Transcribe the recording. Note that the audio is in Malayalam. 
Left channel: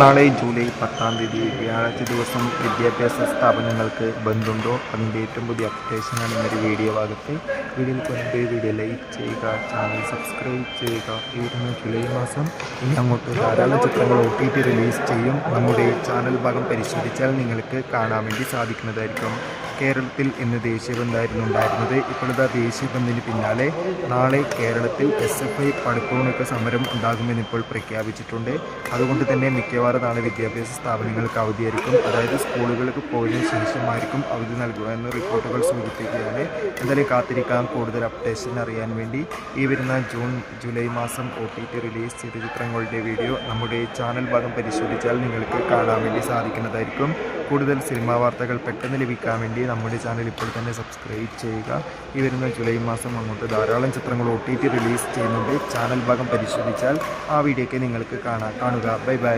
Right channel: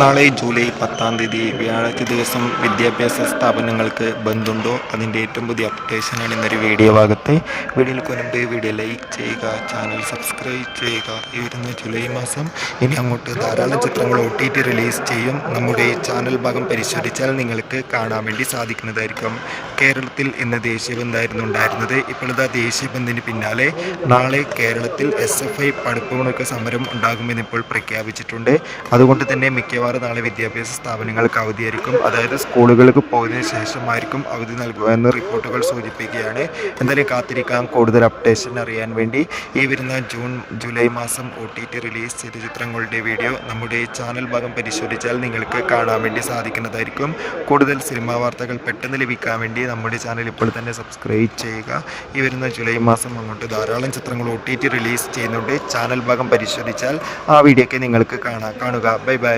നാളെ ജൂലൈ പത്താം തീയതി വ്യാഴാഴ്ച ദിവസം വിദ്യാഭ്യാസ സ്ഥാപനങ്ങൾക്ക് ബന്ധുണ്ടോ? അതിന്റെ ഏറ്റവും പുതിയ അപ്ഡേഷനാണ് ഇന്നൊരു വീഡിയോ ഭാഗത്ത്. വീഡിയോയിൽ പോയി വീഡിയോ ലൈക്ക് ചെയ്യുക ചാനൽ സബ്സ്ക്രൈബ് ചെയ്യുക. ഈ വരുന്ന ജൂലൈ മാസം ഇനി അങ്ങോട്ട് ധാരാളം ചിത്രങ്ങൾ ഒ ടി ടി റിലീസ് ചെയ്യും. നമ്മുടെ ചാനൽ ഭാഗം പരിശോധിച്ചാൽ നിങ്ങൾക്ക് കാണാൻ വേണ്ടി സാധിക്കുന്നതായിരിക്കും. കേരളത്തിൽ ഇന്ന് ദേശീയബന്ധായിരുന്നു ഉണ്ടായിരുന്നത്. ഇപ്പോൾ ഇതാ ദേശീയബന്ധിന് പിന്നാലെ നാളെ കേരളത്തിൽ എസ് എഫ് ഐ പടുപ്പുമൊക്കെ സമരം ഉണ്ടാകുമെന്നിപ്പോൾ പ്രഖ്യാപിച്ചിട്ടുണ്ട്. അതുകൊണ്ട് തന്നെ മിക്കവാറും നാളെ വിദ്യാഭ്യാസ സ്ഥാപനങ്ങൾക്ക് അവധിയായിരിക്കും. അതായത് സ്കൂളുകൾക്ക് പോയതിനു ശേഷമായിരിക്കും അവധി നൽകുക എന്ന് റിപ്പോർട്ടുകൾ സൂചിപ്പിക്കുകയാണ്. എന്തായാലും കാത്തിരിക്കാം. കൂടുതൽ അപ്ഡേഷൻ അറിയാൻ വേണ്ടി ഈ വരുന്ന ജൂൺ ജൂലൈ മാസം ഒ ടി ടി റിലീസ് ചെയ്ത ചിത്രങ്ങളുടെ വീഡിയോ നമ്മുടെ ചാനൽ ഭാഗം പരിശോധിച്ചാൽ നിങ്ങൾക്ക് കാണാൻ വേണ്ടി സാധിക്കുന്നതായിരിക്കും. കൂടുതൽ സിനിമാ വാർത്തകൾ പെട്ടെന്ന് ലഭിക്കാൻ വേണ്ടി നമ്മുടെ ചാനൽ ഇപ്പോൾ തന്നെ സബ്സ്ക്രൈബ് ചെയ്യുക. ഈ വരുന്ന ജൂലൈ മാസം അങ്ങോട്ട് ധാരാളം ചിത്രങ്ങൾ ഒ ടി ടി റിലീസ് ചെയ്യുന്നുണ്ട്. ചാനൽ ഭാഗം പരിശോധിച്ചാൽ ആ വീഡിയോ ഒക്കെ നിങ്ങൾക്ക് കാണാം കാണുക. Bye bye.